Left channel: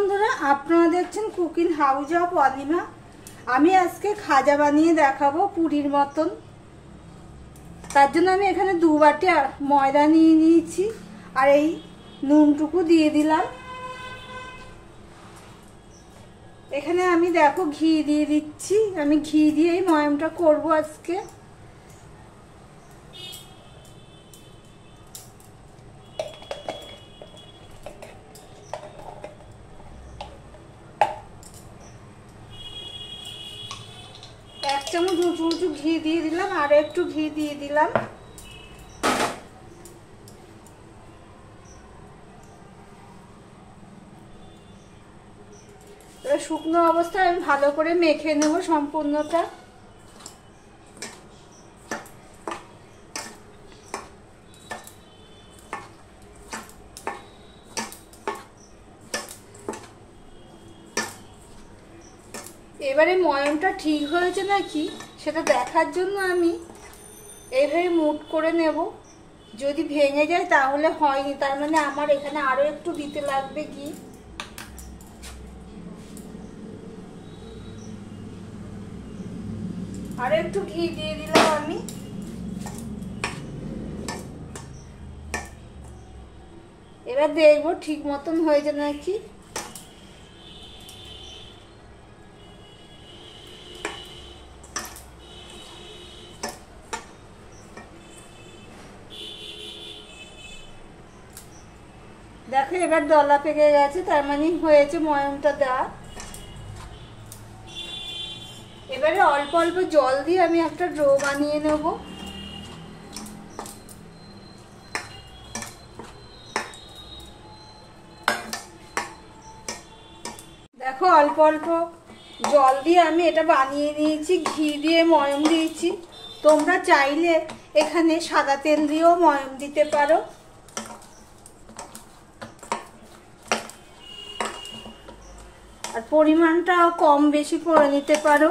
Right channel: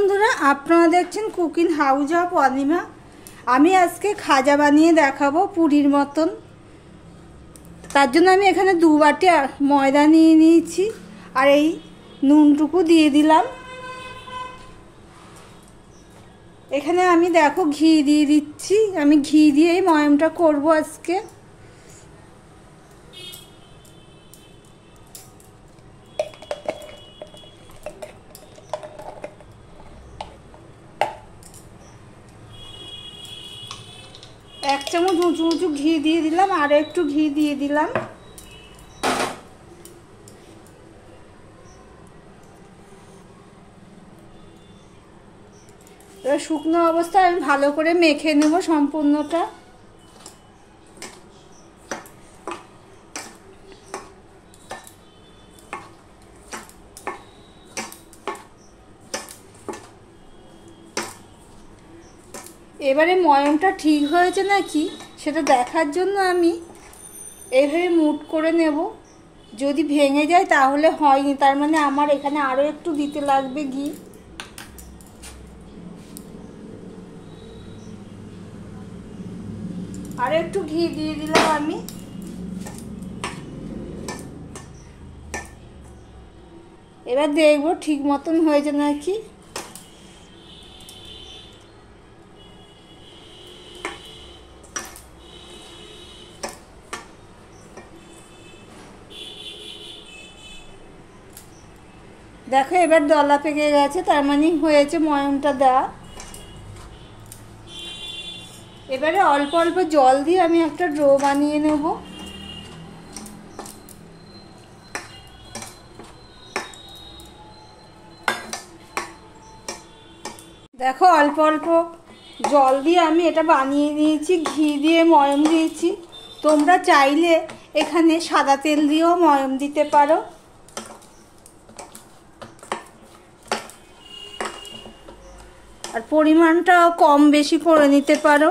বন্ধুরা, আপনারা দেখছেন কুকিং হাউস অফ অনিমা। আমি আজকে খাজা বানিয়ে দেখাবো পুরীর মতন। তার জন্য আমি এখানে 2 বাটি ময়দা নিয়ে নিয়েছি আর এই নুনটুকু দিয়ে দিলাম। এখানে আমি দেখো ঘি দিয়ে দিচ্ছি। আমি ঘি দিয়েই ময়মটা করব আজকে। এক চামচ উঁচু উঁচু ঘি দিয়ে দিলাম আর একটু ঘি দিয়ে দিলাম। এবার শুকনো অবস্থায় আমি ভালো করে মেখে নেব সম্পূর্ণটা। এবারে ময়মটা ঠিক হয়েছে নাকি সেটা দেখার জন্য আমি এইভাবে মুট করে নেব। যদি ভেঙে যায় তাহলে হয়নি, তার মানে আমার এখানে আরো একটু দিতে লাগবে ঘি। আর একটু ঘি দিয়ে দিলাম আমি। এবার দেখবো ঠিক মতন হয়েছে নাকি। দেখো এবার দলা পেকে গেছে, তার মানে হয়েছে ময়মটা দেওয়া। এবারে অল্প অল্প জল দিয়ে আমি একটা ডো বানিয়ে নেব। দেখো অল্প অল্প জল দিয়ে আমি এটা বানিয়ে নিয়েছি। ঘি দিয়ে ময়ম দিয়েছি। তোমরা চাইলে এখানে সাদা তেল দিয়েও ময়ম দিতে পারো। আর পরিমাণটা কম বেশি করে নিতে পারো।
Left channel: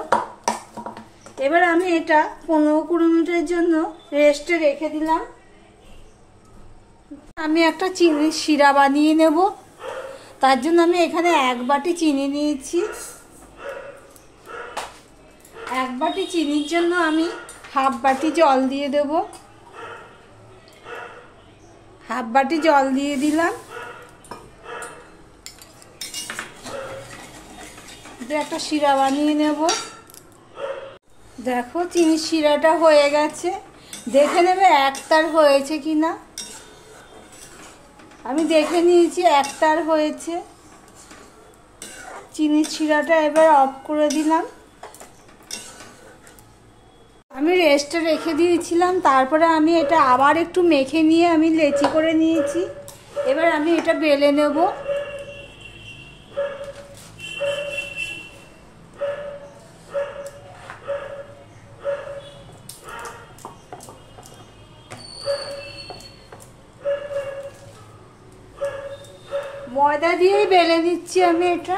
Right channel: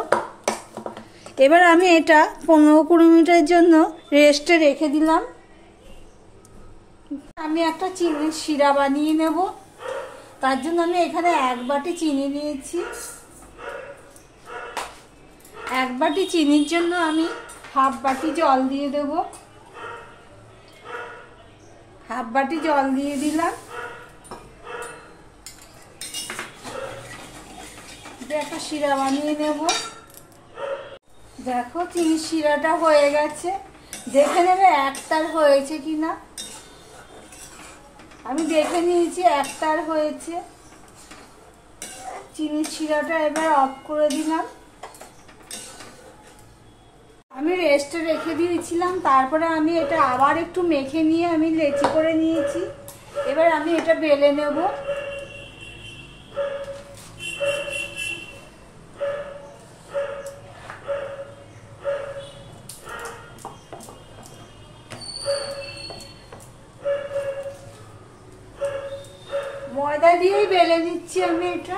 এবার আমি এটা 15-20 মিনিটের জন্য রেস্টে রেখে দিলাম। আমি একটা চিনির শিরা বানিয়ে নেব। তার জন্য আমি এখানে 1 বাটি চিনি নিয়েছি। 1 বাটি চিনির জন্য আমি 1/2 বাটি জল দিয়ে দেব। 1/2 বাটি জল দিয়ে দিলাম। একটা শিরা বানিয়ে নেব। দেখো চিনির শিরাটা হয়ে গেছে। দেখে নেবে একতার হয়েছে কিনা। আমি দেখে নিয়েছি একতার হয়েছে। চিনির শিরাটা এবার অফ করে দিলাম। আমি রেস্টে রেখে দিয়েছিলাম, তারপরে আমি এটা আবার একটু মেখে নিয়ে আমি লেচি করে নিয়েছি। এবার আমি এটা বেলে নেব। ময়দা দিয়েই বেলে নিচ্ছি আমি এটা।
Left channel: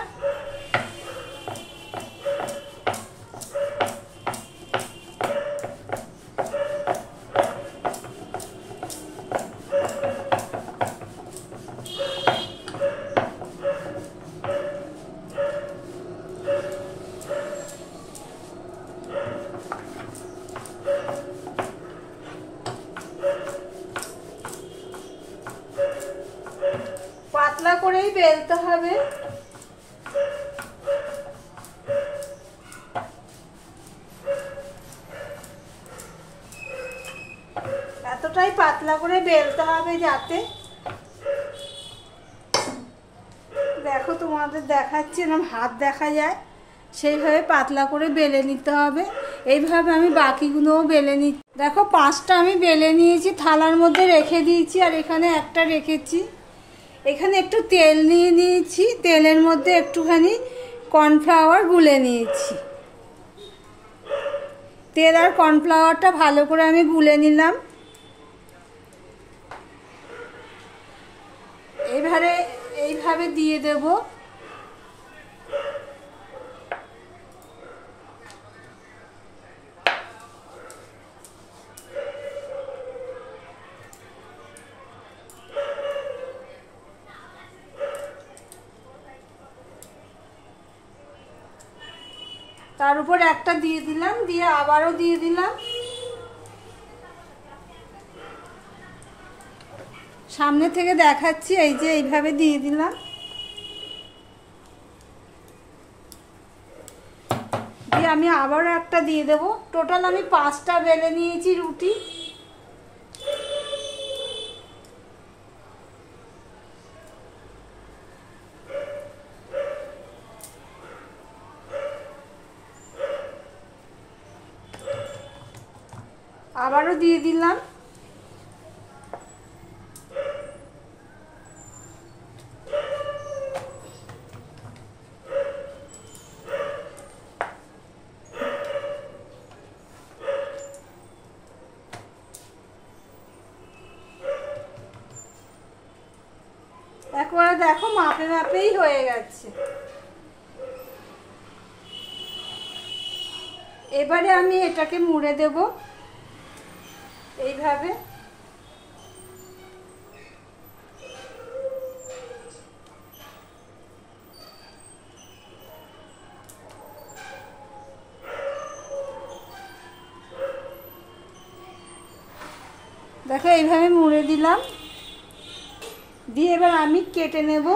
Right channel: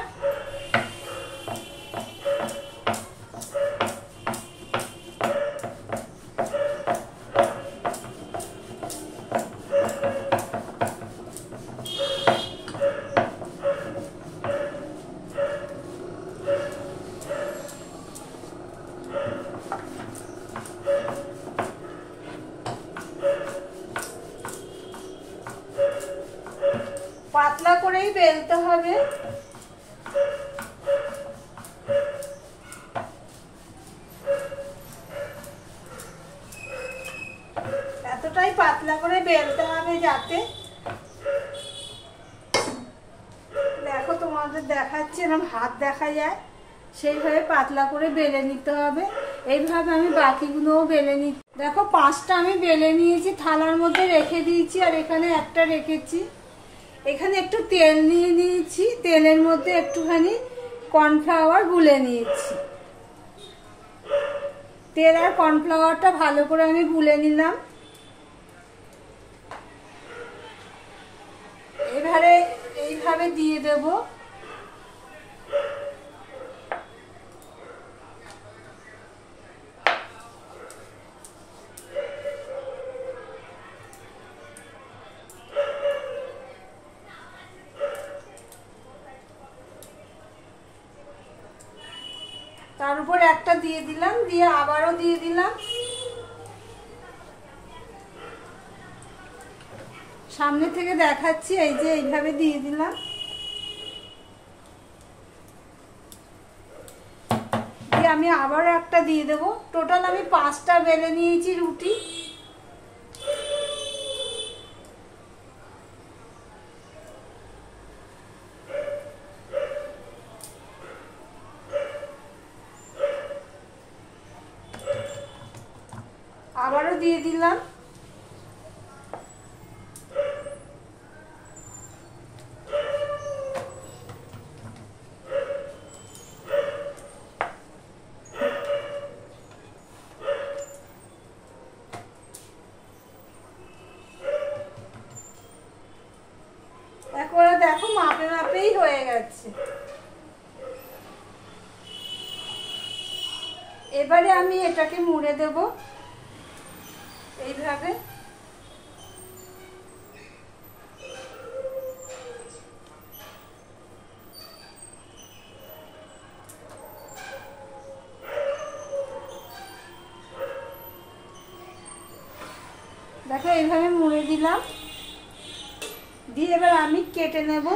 পাতলা করেই বেলতে হবে। এতটাই পাতলা করে বেলতে হবে যাতে, দেখো তোমাদের দেখাচ্ছি এরকম হাত দেখা যায়, সেইভাবে পাতলা করে বেলে নিতে হবে। এইভাবে আমি বাকিগুলোও বেলে নিই। দেখো 5টা আমি বেলে নিয়েছি, থালার মধ্যে রেখে দিয়েছি। আর এখানে একটা রেখেছি। এখানে একটু তেল নিয়ে নিয়েছি। তেলের মধ্যে একটুখানি কর্নফ্লাওয়ার গুলে নিয়েছি। তেল আর কর্নফ্লাওয়ারটা ভালো করে আমি গুলে নিলাম। এবারে এইভাবে দিয়ে দেব। তার উপর একটা দিয়ে দিলাম, দিয়ে আবারও দিয়ে দিলাম। সামনে থেকে দেখাচ্ছি, এই যে এইভাবে দিয়ে দিলাম। দিয়ে আমি আবারও একটা দিয়ে দেবো। টোটাল আমি 5টা বেলে নিয়েছি রুটি। আবারও দিয়ে দিলাম। একবারে দেখো মাপে মাপেই হয়ে গেছে। এবারে আমি এটাকে মুড়ে দেব এইভাবে। দেখো এইভাবে মুড়ে দিলাম। দিয়ে এবার আমি কেটে নেব।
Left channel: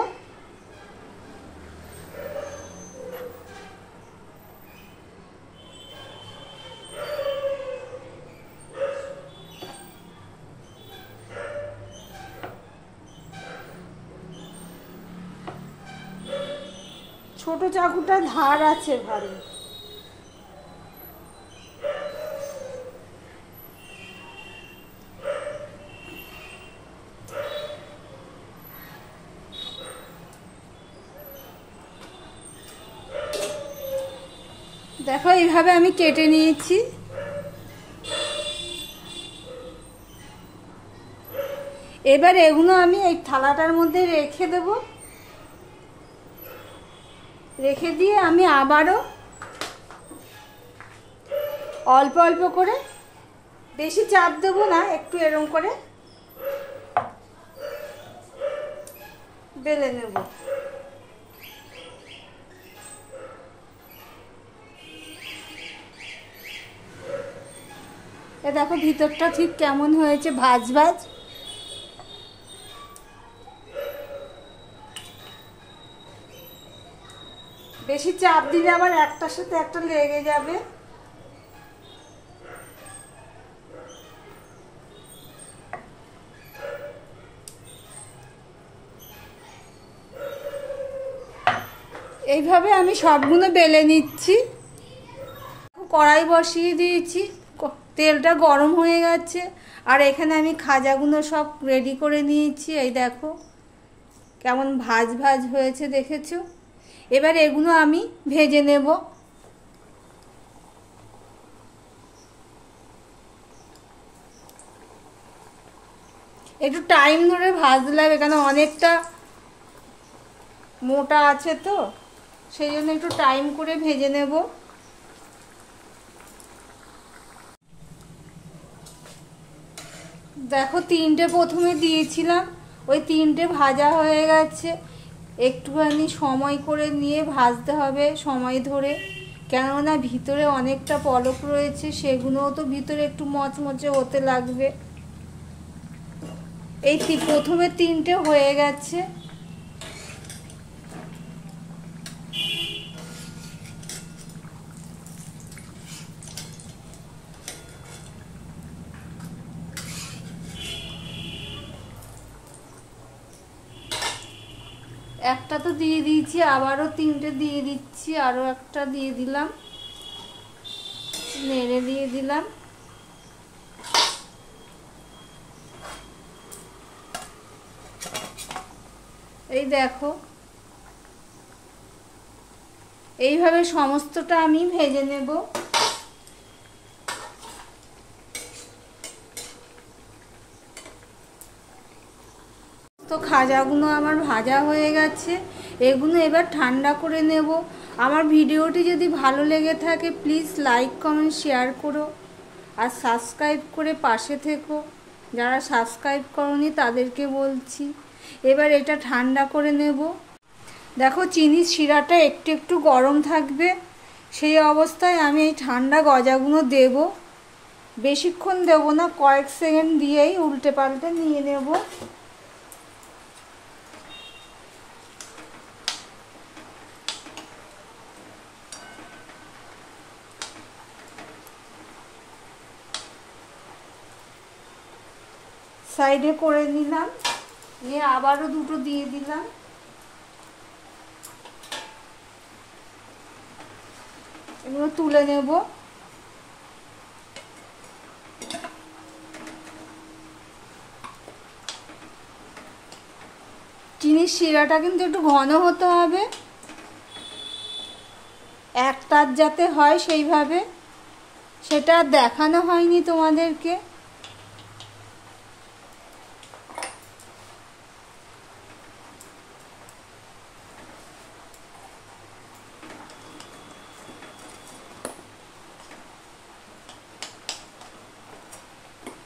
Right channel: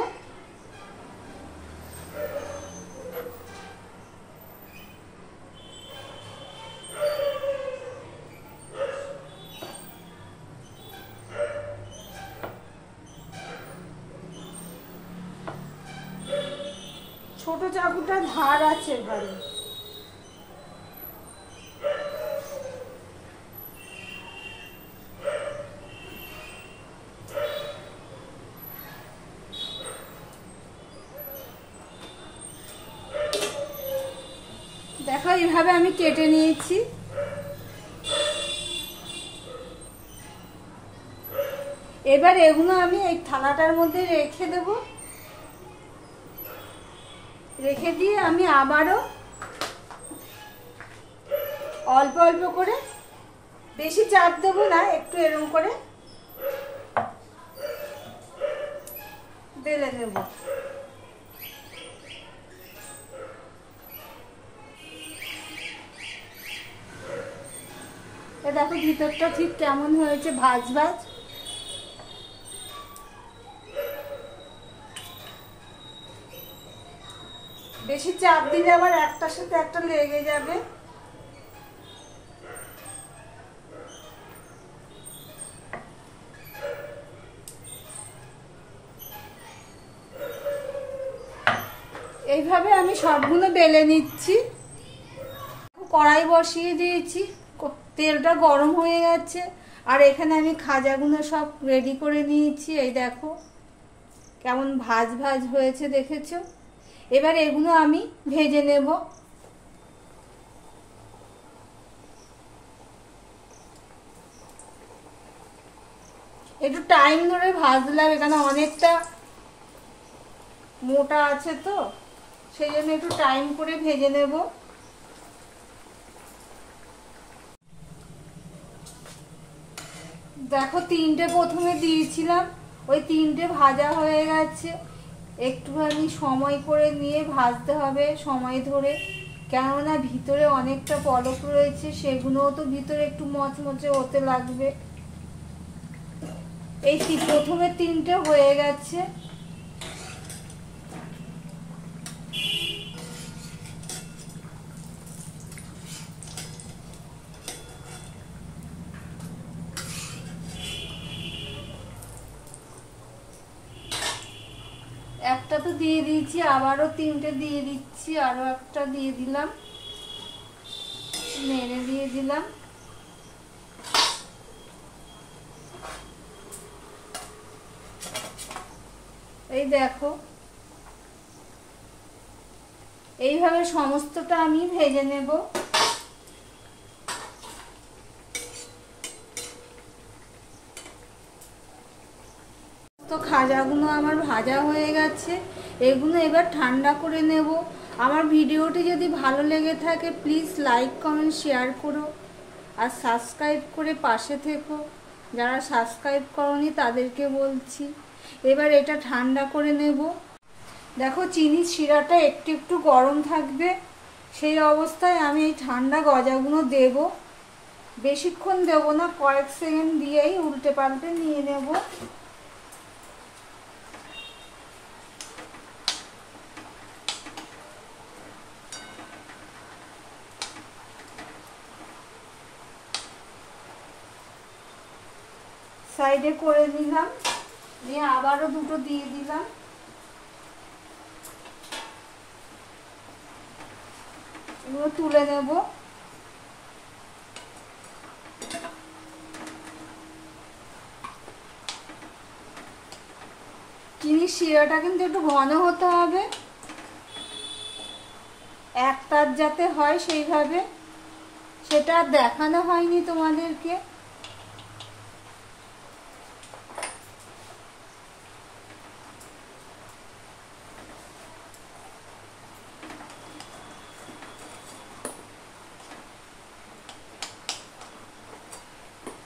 ছোট চাকুটা ধার আছে ভালো। দেখো এইভাবে আমি কেটে নিয়েছি। এবার এগুলো আমি এই থালাটার মধ্যে রেখে দেব। রেখে দিয়ে আমি আবারও অল্প অল্প করে, বেশি চাপ দেবো না, একটু এরকম করে বেলে নেব। এ দেখো ভিতরটা ঠিক কেমন হয়েছে, ভাজ ভাজ। বেশি চাপ দিলে আবার একটার সাথে একটা লেগে যাবে। এইভাবে আমি সবগুলো বেলে নিচ্ছি। কড়াই বসিয়ে দিয়েছি, তেলটা গরম হয়ে গেছে। আর এখানে আমি খাজাগুলো সব রেডি করে নিয়েছি। এই দেখো কেমন ভাজ ভাজ হয়েছে, দেখেছো? এবার এগুলো আমি ভেজে নেব। একটু টাইম ধরে ভাজলাম, এখানে অনেকটা মোটা আছে তো, সেই জন্য একটু টাইম করে ভেজে নেব। দেখো 3টে প্রথমে দিয়েছিলাম, ওই 3টে ভাজা হয়ে গেছে। একটুখানি সময় করে নিয়ে ভাজতে হবে, সময় ধরে, কেননা ভিতরে অনেকটা পলক রয়েছে, সেগুলোও তো ভিতরে একটু মচমচে হতে লাগবে। এই প্রথমে 3টে হয়ে গেছে। একটা তো দিয়ে দিয়েছি, আবারও 3টে দিয়ে দিচ্ছি, আরো একটা দিয়ে দিলাম, নেড়ে দিয়ে দিলাম। এই দেখো এইভাবে সমস্তটা আমি ভেজে নেব। তো খাজাগুলো আমার ভাজা হয়ে গেছে, এগুলো এবার ঠান্ডা করে নেব। আমার ভিডিওটি যদি ভালো লেগে থাকে প্লিজ লাইক কমেন্ট শেয়ার করো, আর সাবস্ক্রাইব করে পাশে থেকো। যারা সাবস্ক্রাইব করনি তাদেরকে বলছি। এবার এটা ঠান্ডা করে নেব। দেখো চিনির শিরাটা একটু একটু গরম থাকবে, সেই অবস্থায় আমি এই ঠান্ডা গজাগুলো দেব। বেশিক্ষণ দেব না, কয়েক সেকেন্ড দিয়েই উল্টে পাল্টে নিয়ে নেব। সাইডে করে নিলাম, নিয়ে আবারও দুটো দিয়ে দিলাম। এগুলো তুলে নেব। চিনির শিরাটা কিন্তু একটু ঘন হতে হবে, এক তার যাতে হয় সেইভাবে, সেটা দেখানো হয়নি তোমাদেরকে।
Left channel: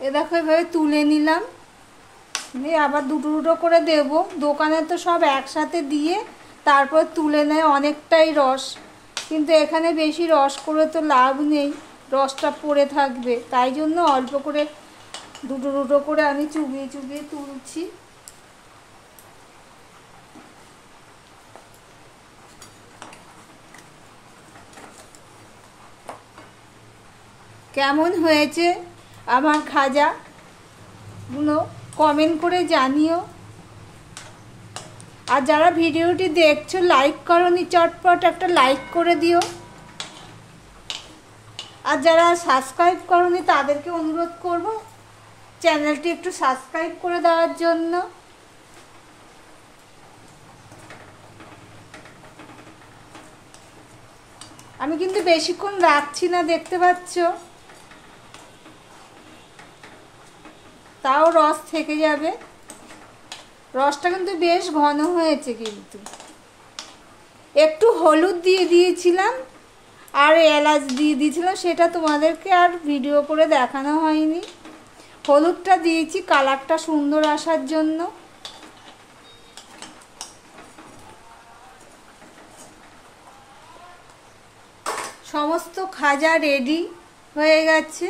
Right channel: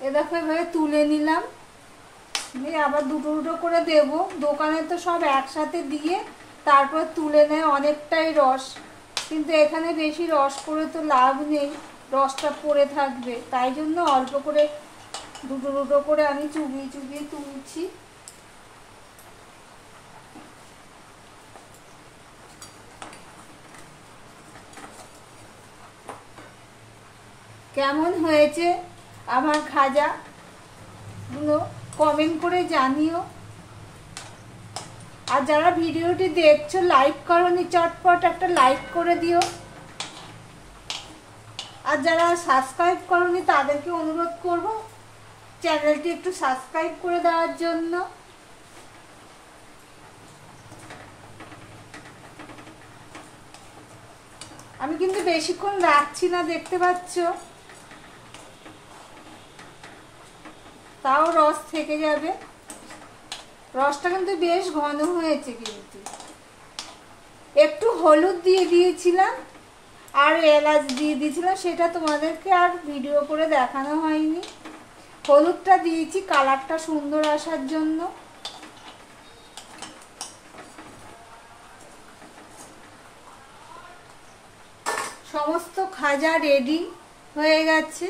এ দেখো এভাবে তুলে নিলাম, দিয়ে আবার দুটো দুটো করে দেব। দোকানে তো সব একসাথে দিয়ে তারপর তুলে নেয় অনেকটাই রস, কিন্তু এখানে বেশি রস করে তো লাভ নেই, রসটা পড়ে থাকবে। তাই জন্য অল্প করে দুটো দুটো করে আমি চুবিয়ে চুবিয়ে তুলছি। কেমন হয়েছে আমার খাজাগুলো কমেন্ট করে জানিও। আর যারা ভিডিওটি দেখছো লাইক করোনি, চটপট একটা লাইক করে দিও। আর যারা সাবস্ক্রাইব করোনি তাদেরকে অনুরোধ করব চ্যানেলটি একটু সাবস্ক্রাইব করে দেওয়ার জন্য। আমি কিন্তু বেশিক্ষণ রাখছি না, দেখতে পাচ্ছ, তাও রস থেকে যাবে। রসটা কিন্তু বেশ ঘন হয়েছে, কিন্তু একটু হলুদ দিয়ে দিয়েছিলাম আর এলাচ দিয়ে দিয়েছিলাম, সেটা তোমাদেরকে আর ভিডিও করে দেখানো হয়নি। হলুদটা দিয়েছি কালারটা সুন্দর আসার জন্য। সমস্ত খাজা রেডি হয়ে গেছে।